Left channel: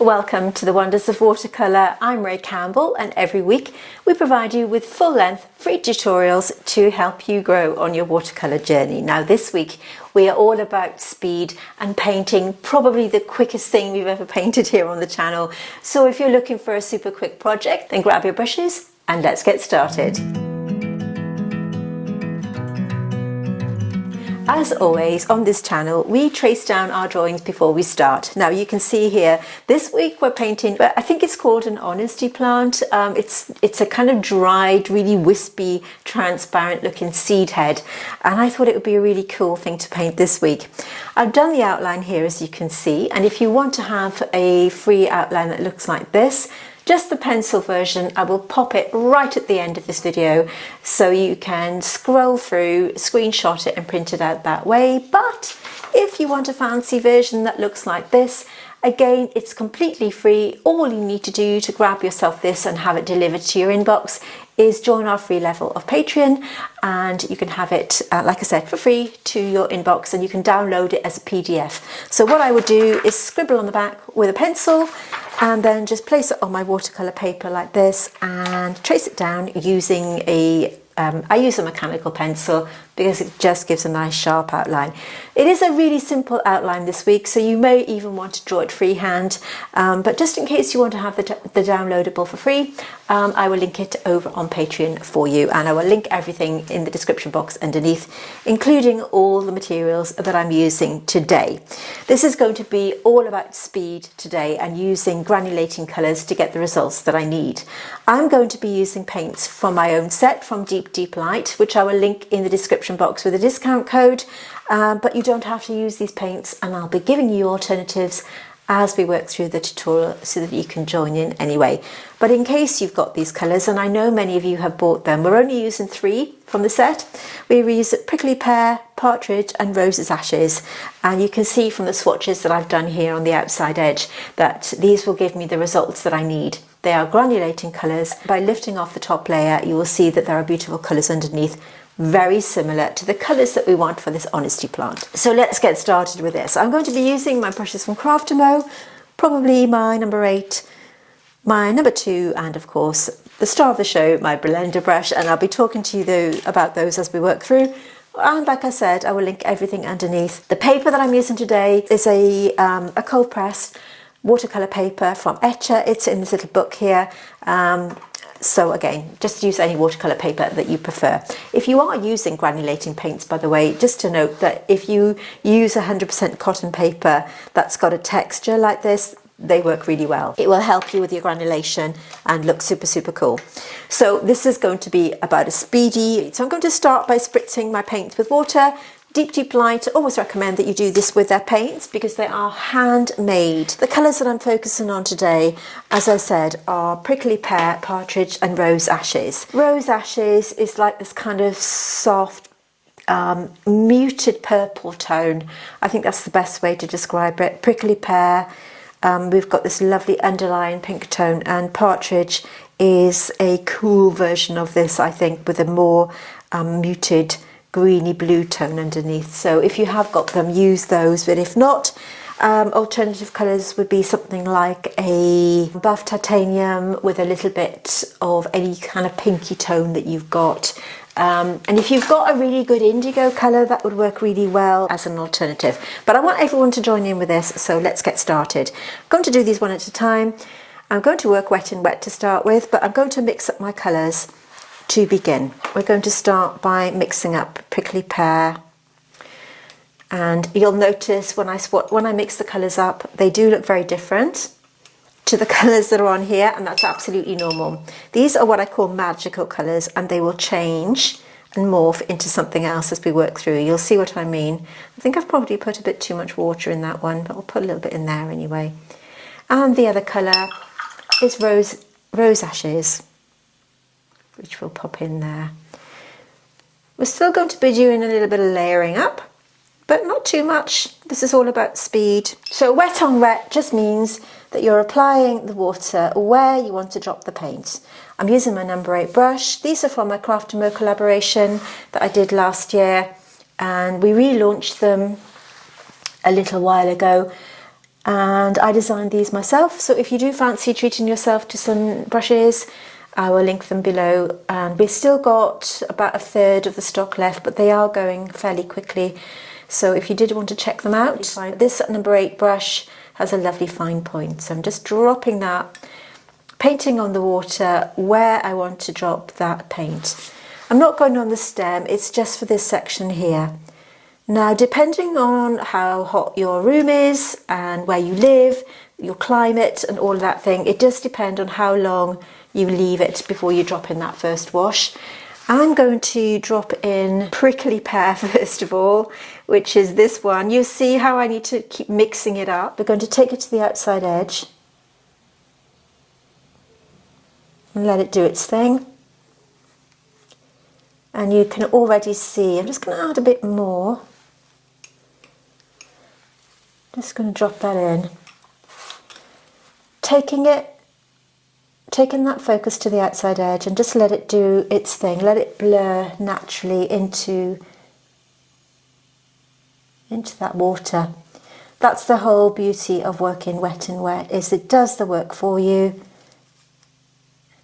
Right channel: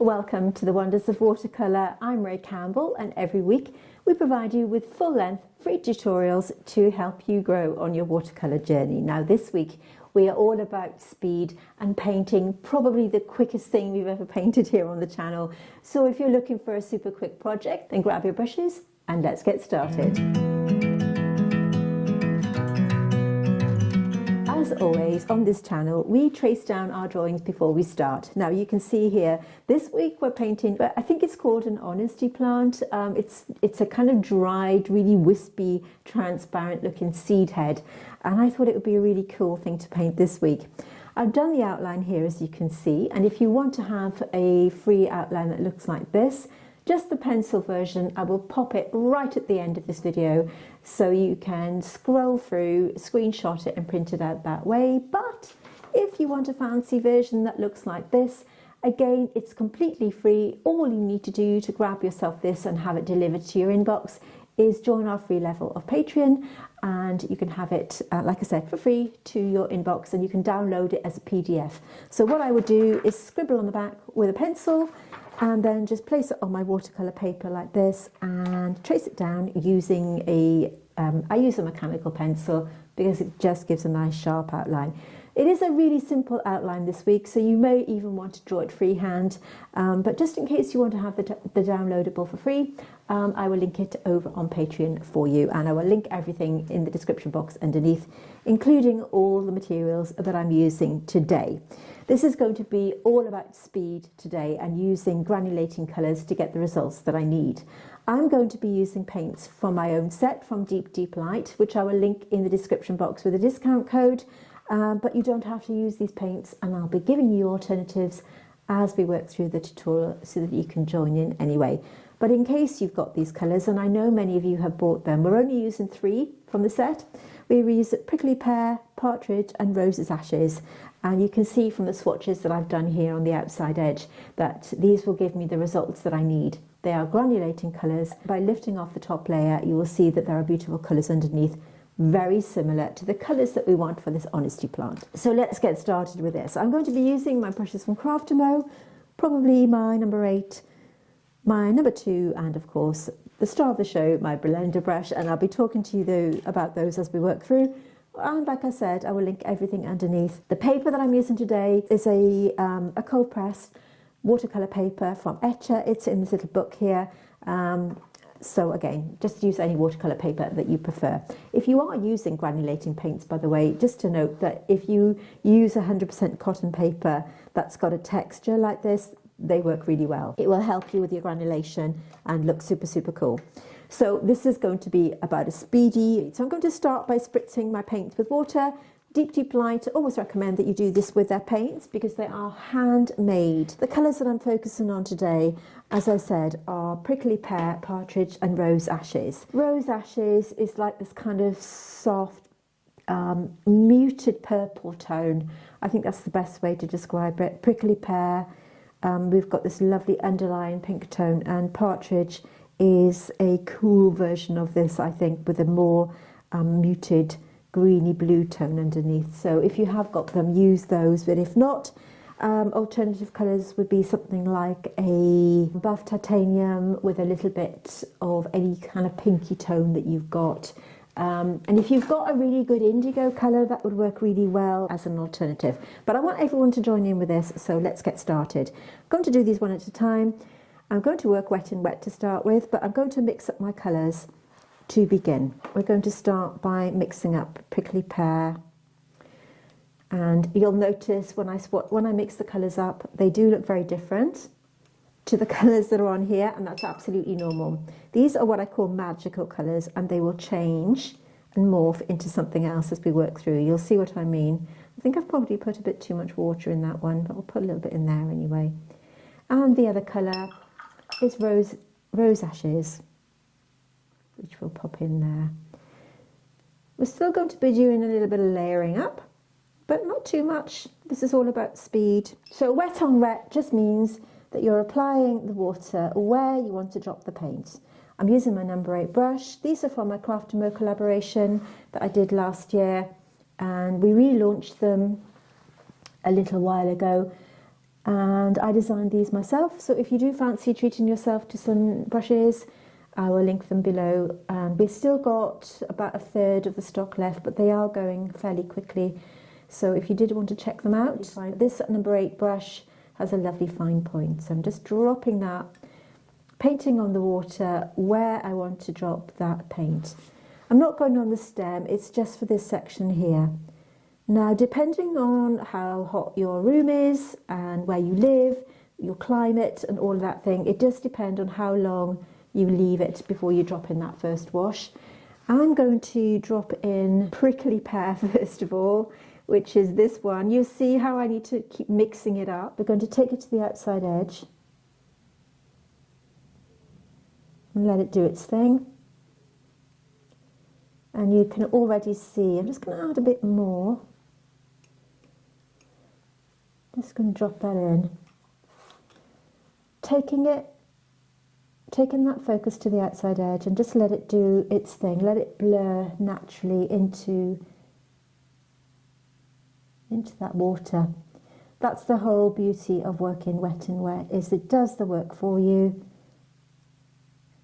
Welcome to the Wonders of Watercolour. I'm Ray Campbell, and every week we provide you with full-length free tutorials to help you grow on your watercolour journey. Now this week we are all about speed and painting, probably the quickest thing we've ever painted here on the channel. So if you're looking for a super quick project, then grab your brushes and let's get started. As always on this channel, we trace down our drawings before we start. Now you can see here, this week we're painting, I think it's called an honesty plant. It's a kind of dried, really wispy, transparent looking seed head. And I thought it would be a really cool thing to paint this week. I've done the outline here, as you can see. And if you want to have a free outline that looks like this, just the pencil version, I will pop it right at the end of this video so you can scroll through, screenshot it and print it out that way. But if you want a fancy version that looks like this, again, it's completely free. All you need to do to grab yourself this and have it delivered to your inbox is join our free level of Patreon, and you can have it, like I said, for free to your inbox, and you can download it as a PDF. So what I would do is scribble on the back with a pencil and then just place it on my watercolour paper like this and trace it down using I use a mechanical pencil because it just gives a nice sharp outline. It is a really simple outline this week, so you may even want to draw it freehand, but just in case you want to have the downloadable for free, I will link it over on Patreon for you, and I will link everything in the description box underneath, including all the materials that I'm using today. This is going to be all about speed today and using granulating colours to get the results that I need. I'm going to be using paints from my own set from Deep Light, which I will link in the description box with a discount code, but you don't have to use these paints, and I'll be giving you alternatives as we work through the tutorial so that you can join in anyway. But in case you've got these colours, and I know many of you have bought them, we're only using 3 from the set. We use Prickly Pear, Partridge and Rose's Ashes, and you can see from the swatches that I've done here on the outside edge that these will give me the results that I need. They are granulating colours. By lifting off the top layer, you will see that there are beautiful colours underneath, very similar to the colours that we want for this honesty plant. So let's get started with this. I'm going to be using my brushes from Craftamo, probably my number 8, my number 2, and of course the star of the show, my blender brush, and I'll be talking to you about those as we work through. And like I said, I will link everything underneath. The paper that I'm using today is a cold press watercolour paper from Etcher. It's in this little book here. So again, just use any watercolour paper that you prefer. If you are using granulating paints, by the way, just to note that if you use 100% cotton paper that's got a texture like this, they work really well. It will help you with your granulation and look super, super cool. So this is going to be about a speedy. So I'm going to start by spritzing my paints with water. Deep Light always recommend that you do this with their paints because they are handmade. The colours that I'm focusing on today, as I said, are Prickly Pear, Partridge and Rose Ashes. Rose Ashes is like this kind of soft, muted purple tone. I think that's the best way to describe it. Prickly Pear, we've got this lovely underlying pink tone, and Partridge is a cool version of this, I think, with a more muted greeny blue tone underneath. So if you have got them, use those, but if not, alternative colours would be something like a buff titanium with a little bit of any kind of pinky tone that you've got. And if you've got a really good indigo colour, that would work really well as an alternative. But I want everyone to join in with this, so let's get started. I'm going to do these one at a time. I'm going to work wet and wet to start with, but I'm going to mix up my colours to begin. We're going to start by mixing up Prickly Pear, and you'll notice when I mix the colours up, they do look very different to the colours that are on here, and that's absolutely normal. These are what I call magical colours, and they will change and morph into something else as we work through. You'll see what I mean. I think I've probably put a bit too much water in that one, but I'll put a little bit in there anyway. And the other colour is Rose Ashes, which we'll pop in there. We're still going to be doing a little bit of layering up, but not too much. This is all about speed. So wet on wet just means that you're applying the water where you want to drop the paint. I'm using my number 8 brush. These are from my Craftamo collaboration that I did last year, and we relaunched them a little while ago. and I designed these myself. So if you do fancy treating yourself to some brushes, I will link them below. And we've still got about a third of the stock left, but they are going fairly quickly. So if you did want to check them out, this number 8 brush has a lovely fine point. So I'm just dropping that, painting on the water where I want to drop that paint. I'm not going on the stem, it's just for this section here. Now, depending on how hot your room is and where you live, your climate and all of that thing, it does depend on how long you leave it before you drop in that first wash. I'm going to drop in Prickly Pear first of all, which is this one. You see how I need to keep mixing it up. We're going to take it to the outside edge and let it do its thing. And you can already see, I'm just going to add a bit more. Just going to drop that in. Taking that focus to the outside edge and just let it do its thing. Let it blur naturally into that water. That's the whole beauty of working wet and wet, is it does the work for you.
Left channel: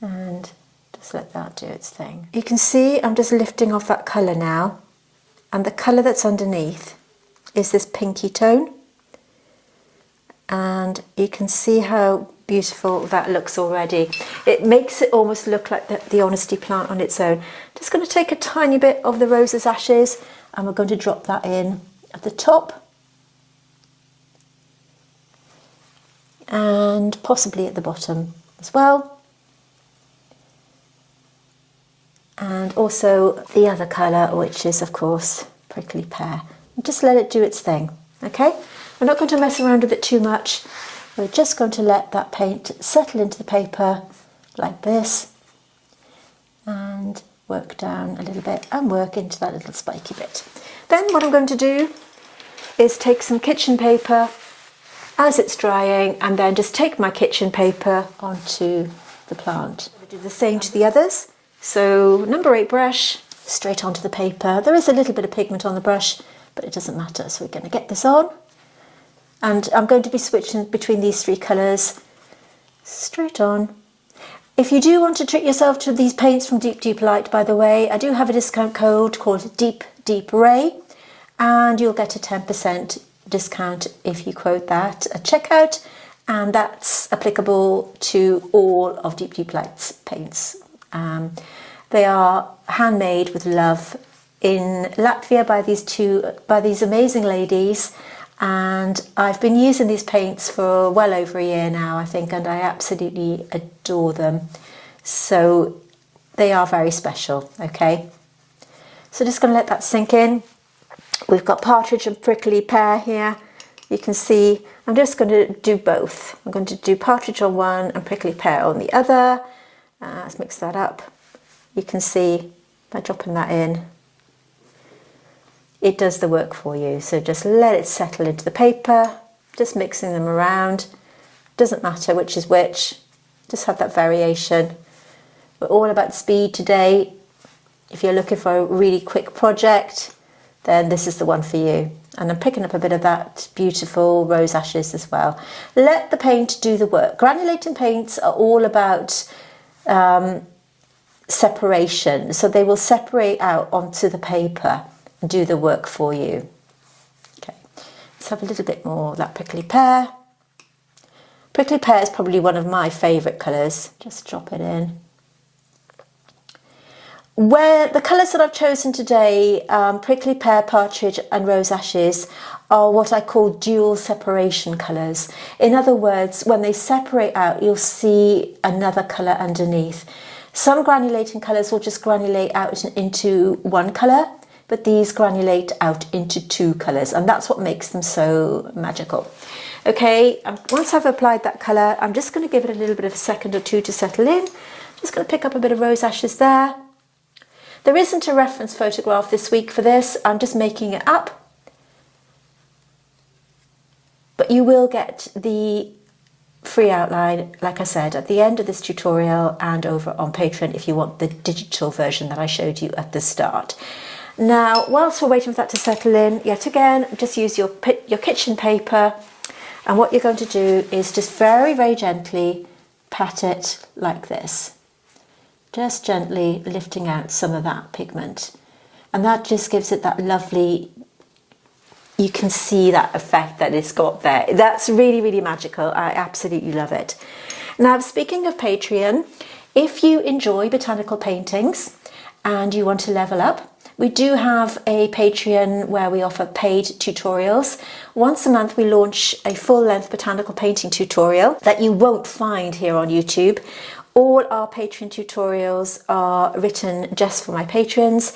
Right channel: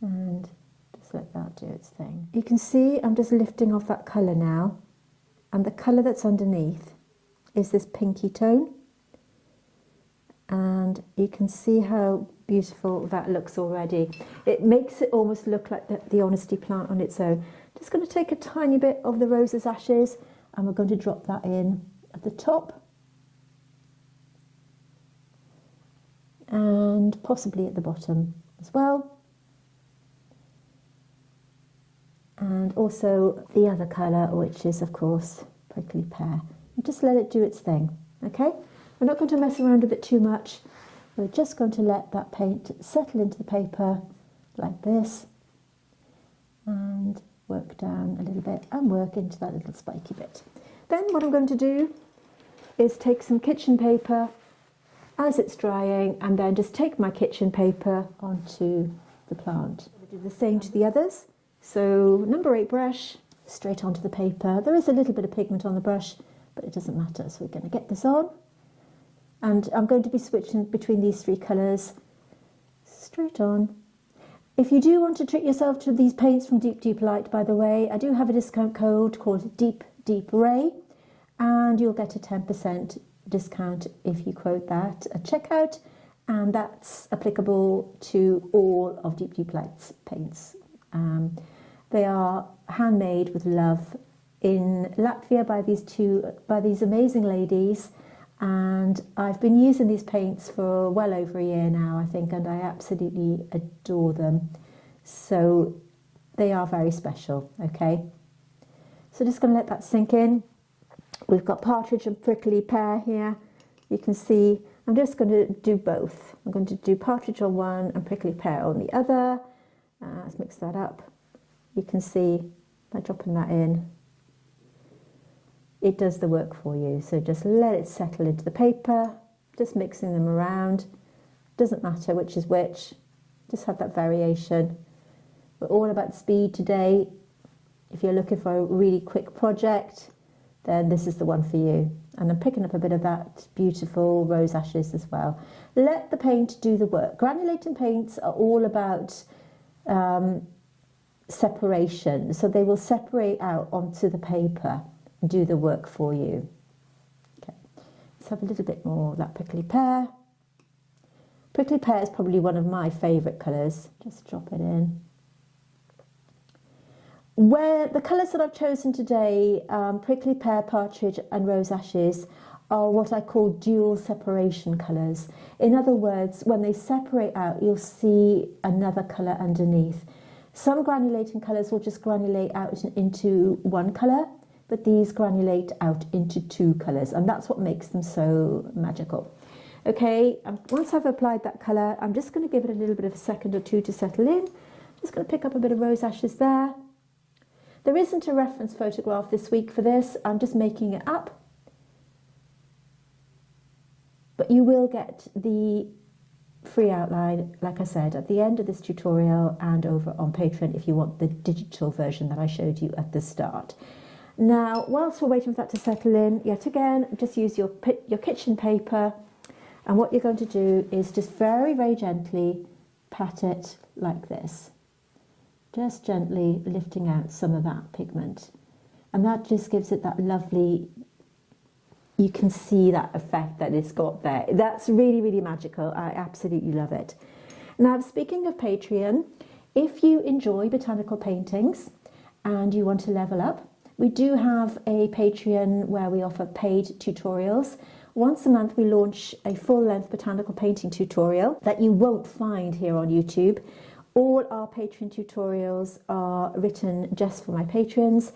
And just let that do its thing. You can see I'm just lifting off that colour now, and the colour that's underneath is this pinky tone, and you can see how beautiful that looks already. It makes it almost look like the honesty plant on its own. Just going to take a tiny bit of the Rose's Ashes and we're going to drop that in at the top and possibly at the bottom as well. And also the other colour, which is of course Prickly Pear. And just let it do its thing, okay? We're not going to mess around with it too much. We're just going to let that paint settle into the paper like this and work down a little bit and work into that little spiky bit. Then what I'm going to do is take some kitchen paper as it's drying and then just take my kitchen paper onto the plant. I'll do the same to the others. So number 8 brush, straight onto the paper. There is a little bit of pigment on the brush, but it doesn't matter. So we're going to get this on. And I'm going to be switching between these 3 colours, straight on. If you do want to treat yourself to these paints from Deep Deep Light, by the way, I do have a discount code called Deep Deep Ray, and you'll get a 10% discount if you quote that at checkout, and that's applicable to all of Deep Deep Light's paints. They are handmade with love in Latvia by these amazing ladies. And I've been using these paints for well over a year now, I think, and I absolutely adore them. So they are very special, okay? So just going to let that sink in. We've got Partridge and Prickly Pear here. You can see I'm just going to do both. I'm going to do Partridge on one and Prickly Pear on the other. Let's mix that up. You can see by dropping that in, it does the work for you. So just let it settle into the paper, just mixing them around. Doesn't matter which is which, just have that variation. We're all about speed today. If you're looking for a really quick project, then this is the one for you. And I'm picking up a bit of that beautiful Rose Ashes as well. Let the paint do the work. Granulating paints are all about separation. So they will separate out onto the paper and do the work for you. Okay, let's have a little bit more of that Prickly Pear. Prickly Pear is probably one of my favourite colours. Just drop it in. Where the colours that I've chosen today, Prickly Pear, Partridge and Rose Ashes, are what I call dual separation colours. In other words, when they separate out, you'll see another colour underneath. Some granulating colours will just granulate out into one colour, but these granulate out into 2 colours, and that's what makes them so magical. Okay, once I've applied that colour, I'm just going to give it a little bit of a second or 2 to settle in. Just going to pick up a bit of Rose Ashes there. There isn't a reference photograph this week for this, I'm just making it up. But you will get the free outline, like I said, at the end of this tutorial and over on Patreon if you want the digital version that I showed you at the start. Now, whilst we're waiting for that to settle in, yet again, just use your kitchen paper And what you're going to do is just very, very gently pat it like this. Just gently lifting out some of that pigment. And that just gives it that lovely, you can see that effect that it's got there. That's really, really magical. I absolutely love it. Now, speaking of Patreon, if you enjoy botanical paintings and you want to level up, we do have a Patreon where we offer paid tutorials. Once a month we launch a full-length botanical painting tutorial that you won't find here on YouTube. All our Patreon tutorials are written just for my patrons,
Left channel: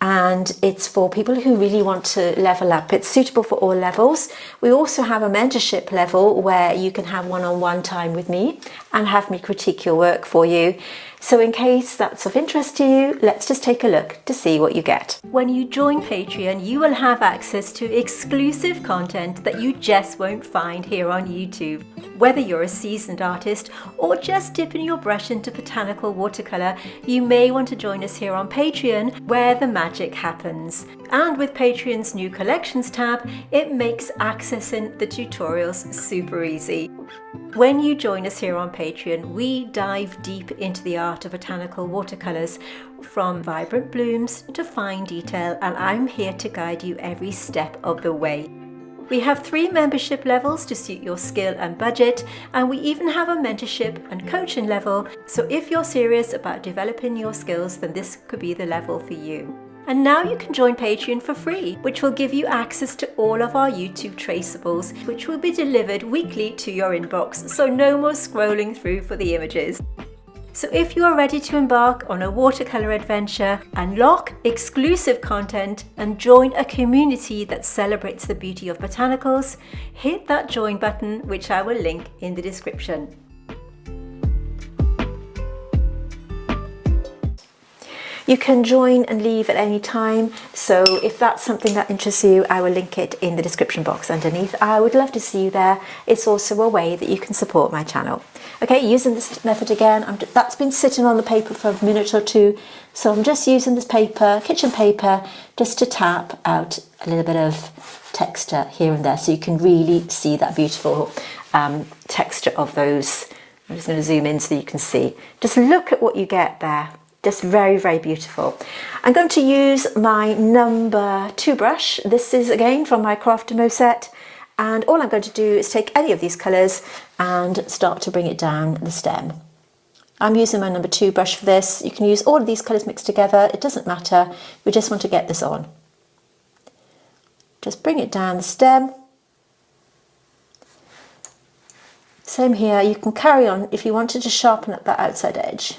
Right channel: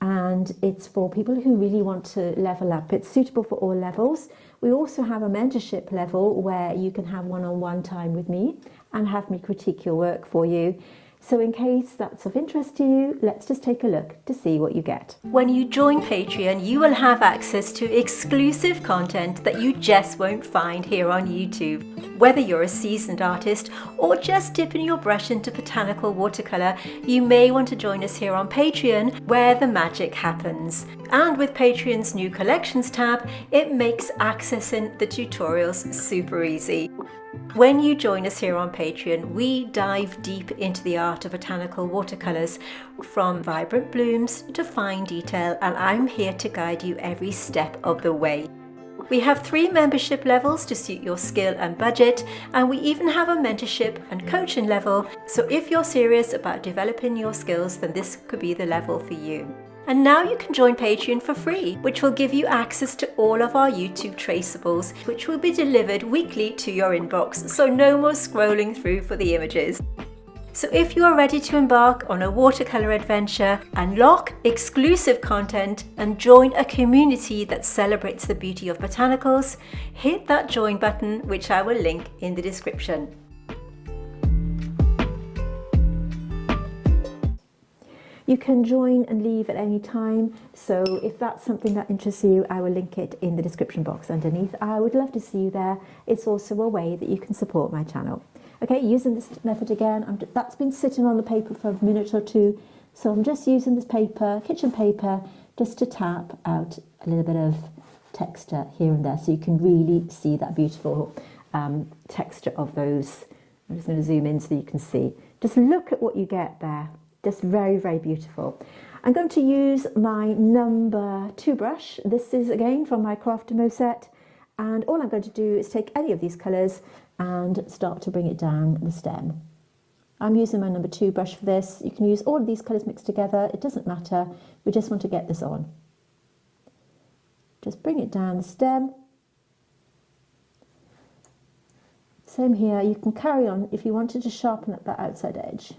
and it's for people who really want to level up. It's suitable for all levels. We also have a mentorship level where you can have one-on-one time with me and have me critique your work for you. So in case that's of interest to you, let's just take a look to see what you get. When you join Patreon, you will have access to exclusive content that you just won't find here on YouTube. Whether you're a seasoned artist or just dipping your brush into botanical watercolour, you may want to join us here on Patreon, where the magic happens. And with Patreon's new collections tab, it makes accessing the tutorials super easy. When you join us here on Patreon, we dive deep into the art of botanical watercolours, from vibrant blooms to fine detail, and I'm here to guide you every step of the way. We have 3 membership levels to suit your skill and budget, and we even have a mentorship and coaching level, so if you're serious about developing your skills, then this could be the level for you. And now you can join Patreon for free, which will give you access to all of our YouTube traceables, which will be delivered weekly to your inbox, so no more scrolling through for the images. So if you are ready to embark on a watercolour adventure, unlock exclusive content and join a community that celebrates the beauty of botanicals, hit that join button, which I will link in the description. You can join and leave at any time, so if that's something that interests you, I will link it in the description box underneath. I would love to see you there. It's also a way that you can support my channel. Okay, using this method again, that's been sitting on the paper for a minute or two, so I'm just using this paper, kitchen paper, just to tap out a little bit of texture here and there, so you can really see that beautiful texture of those. I'm just going to zoom in so you can see. Just look at what you get there. Just very, very beautiful. I'm going to use my number 2 brush. This is again from my Craftamo set. And all I'm going to do is take any of these colours and start to bring it down the stem. I'm using my number 2 brush for this. You can use all of these colours mixed together. It doesn't matter. We just want to get this on. Just bring it down the stem. Same here. You can carry on if you wanted to sharpen up that outside edge.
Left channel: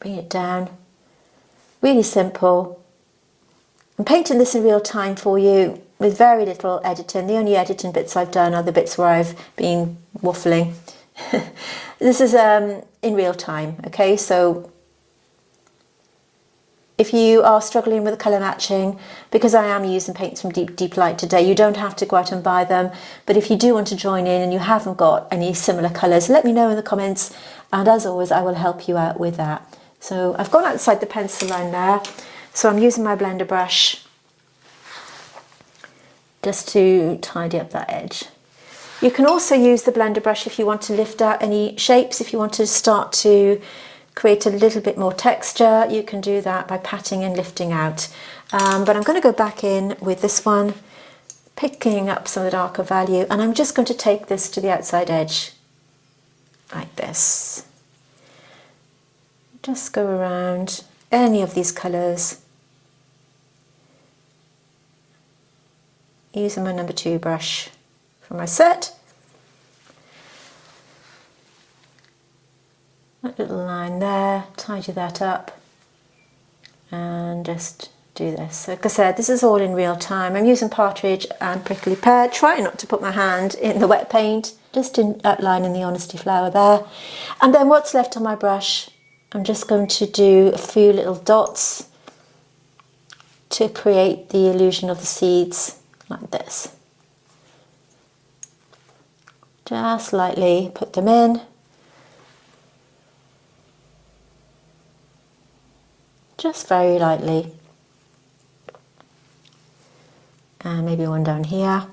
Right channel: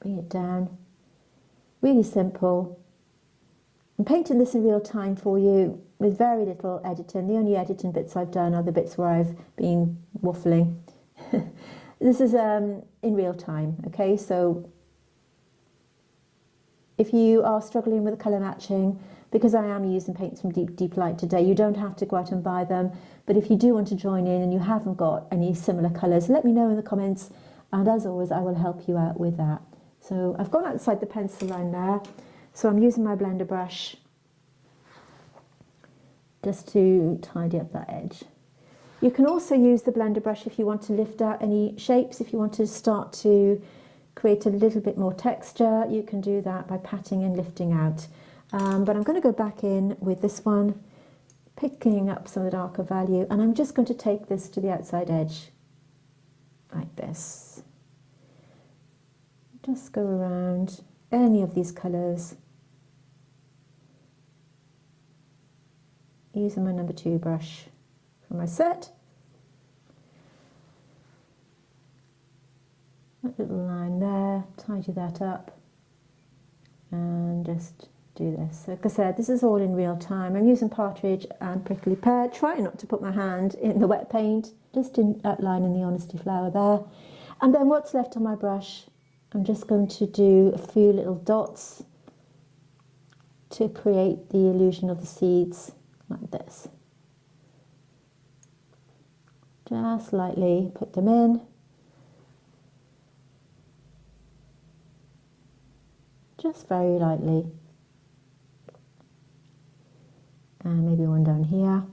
Bring it down. Really simple. I'm painting this in real time for you with very little editing. The only editing bits I've done are the bits where I've been waffling. This is in real time, okay? So if you are struggling with the colour matching, because I am using paints from Deep Light today, you don't have to go out and buy them. But if you do want to join in and you haven't got any similar colours, let me know in the comments. And as always, I will help you out with that. So I've gone outside the pencil line there. So I'm using my blender brush just to tidy up that edge. You can also use the blender brush if you want to lift out any shapes. If you want to start to create a little bit more texture, you can do that by patting and lifting out. But I'm going to go back in with this one, picking up some of the darker value, and I'm just going to take this to the outside edge like this. Just go around any of these colours using my number 2 brush from my set. That little line there, tidy that up and just do this. So, like I said, this is all in real time. I'm using Partridge and Prickly Pear, trying not to put my hand in the wet paint, just outlining the honesty flower there. And then what's left on my brush, I'm just going to do a few little dots to create the illusion of the seeds, like this. Just lightly put them in. Just very lightly. And maybe one down here.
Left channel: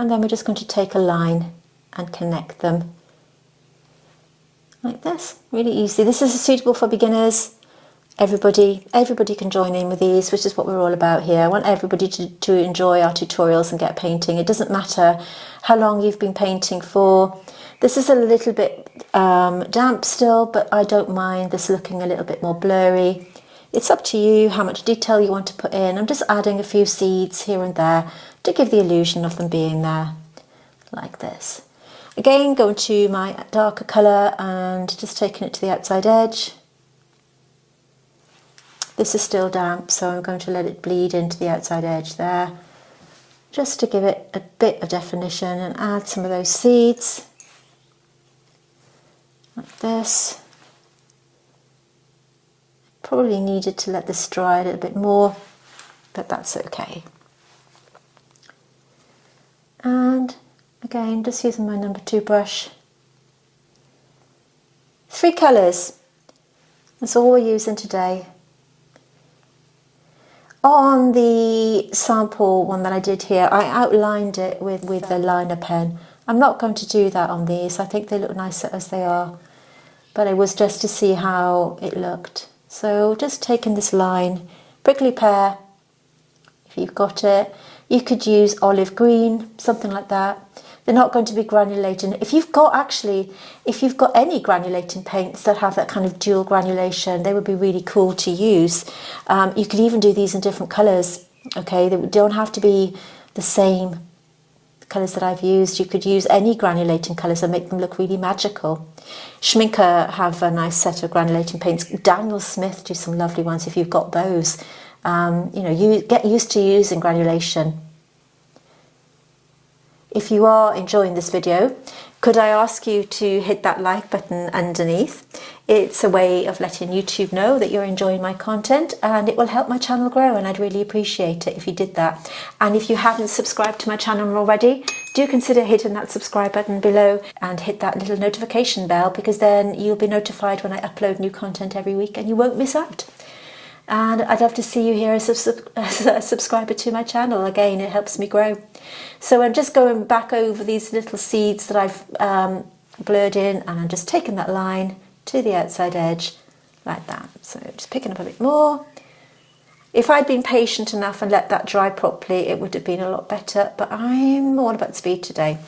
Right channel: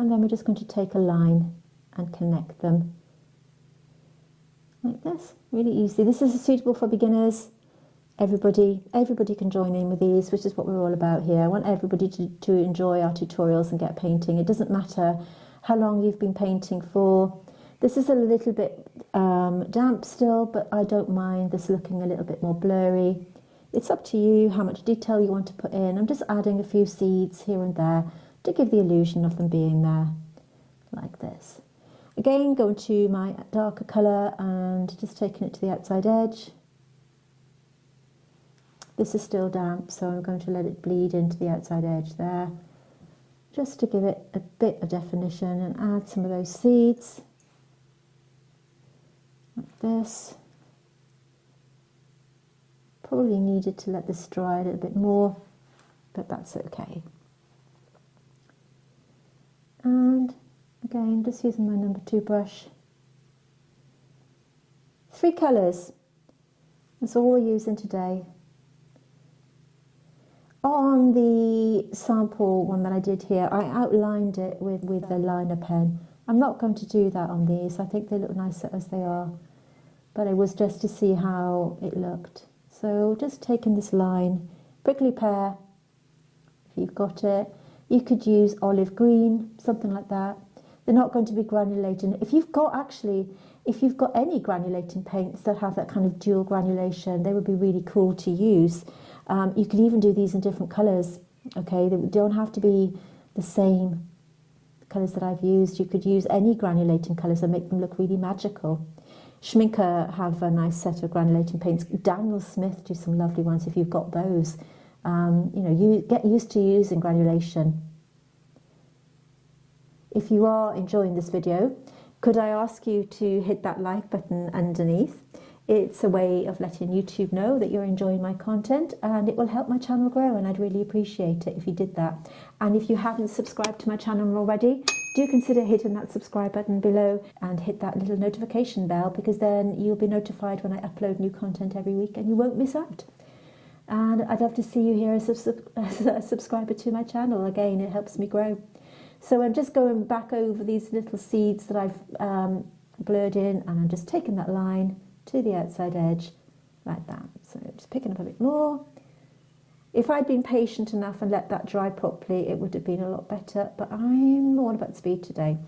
And then we're just going to take a line and connect them like this, really easy. This is suitable for beginners. Everybody can join in with these, which is what we're all about here. I want everybody to enjoy our tutorials and get painting. It doesn't matter how long you've been painting for. This is a little bit damp still, but I don't mind this looking a little bit more blurry. It's up to you how much detail you want to put in. I'm just adding a few seeds here and there to give the illusion of them being there, like this. Again, going to my darker colour and just taking it to the outside edge. This is still damp, so I'm going to let it bleed into the outside edge there, just to give it a bit of definition and add some of those seeds, like this. Probably needed to let this dry a little bit more, but that's okay. And again, just using my number 2 brush. 3 colours, that's all we're using today. On the sample one that I did here, I outlined it with a liner pen. I'm not going to do that on these. I think they look nicer as they are, but it was just to see how it looked. So just taking this line, prickly pear, if you've got it. You could use olive green, something like that. They're not going to be granulating. If you've got any granulating paints that have that kind of dual granulation, they would be really cool to use. You could even do these in different colours, okay? They don't have to be the same colours that I've used. You could use any granulating colours and make them look really magical. Schminker have a nice set of granulating paints. Daniel Smith do some lovely ones if you've got those. You get used to using granulation. If you are enjoying this video, could I ask you to hit that like button underneath? It's a way of letting YouTube know that you're enjoying my content, and it will help my channel grow, and I'd really appreciate it if you did that. And if you haven't subscribed to my channel already, do consider hitting that subscribe button below and hit that little notification bell, because then you'll be notified when I upload new content every week and you won't miss out. And I'd love to see you here as a subscriber to my channel. Again, it helps me grow. So I'm just going back over these little seeds that I've blurred in, and I'm just taking that line to the outside edge like that. So just picking up a bit more. If I'd been patient enough and let that dry properly, it would have been a lot better, but I'm all about speed today.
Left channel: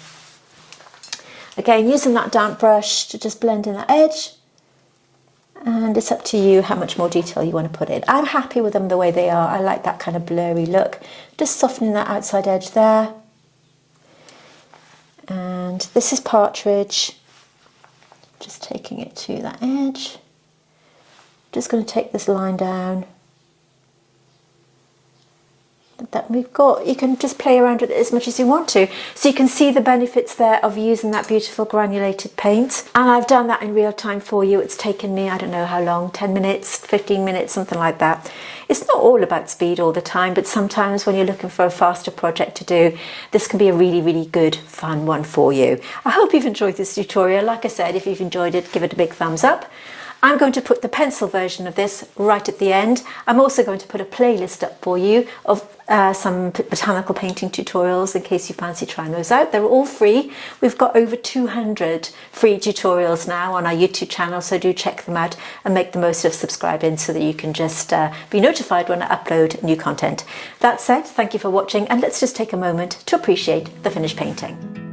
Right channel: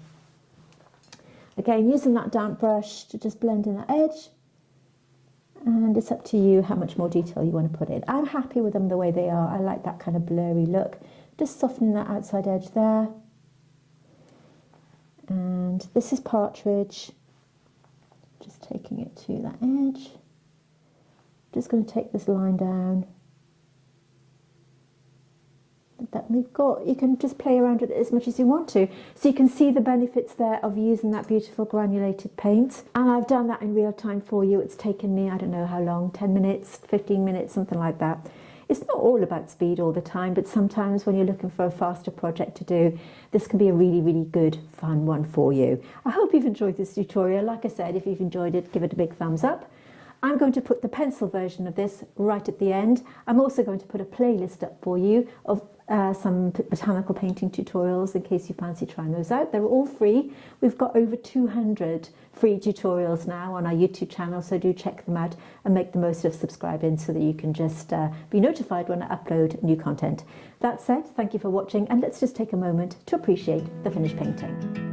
Again, using that damp brush to just blend in that edge. And it's up to you how much more detail you want to put in. I'm happy with them the way they are. I like that kind of blurry look. Just softening that outside edge there. And this is Partridge. Just taking it to that edge. Just going to take this line down. That we've got, you can just play around with it as much as you want to. So you can see the benefits there of using that beautiful granulated paint. And I've done that in real time for you. It's taken me, I don't know how long, 10 minutes, 15 minutes, something like that. It's not all about speed all the time, but sometimes when you're looking for a faster project to do, this can be a really, really good, fun one for you. I hope you've enjoyed this tutorial. Like I said, if you've enjoyed it, give it a big thumbs up. I'm going to put the pencil version of this right at the end. I'm also going to put a playlist up for you of some botanical painting tutorials in case you fancy trying those out. They're all free. We've got over 200 free tutorials now on our YouTube channel, so do check them out and make the most of subscribing so that you can just be notified when I upload new content. That said, thank you for watching, and let's just take a moment to appreciate the finished painting.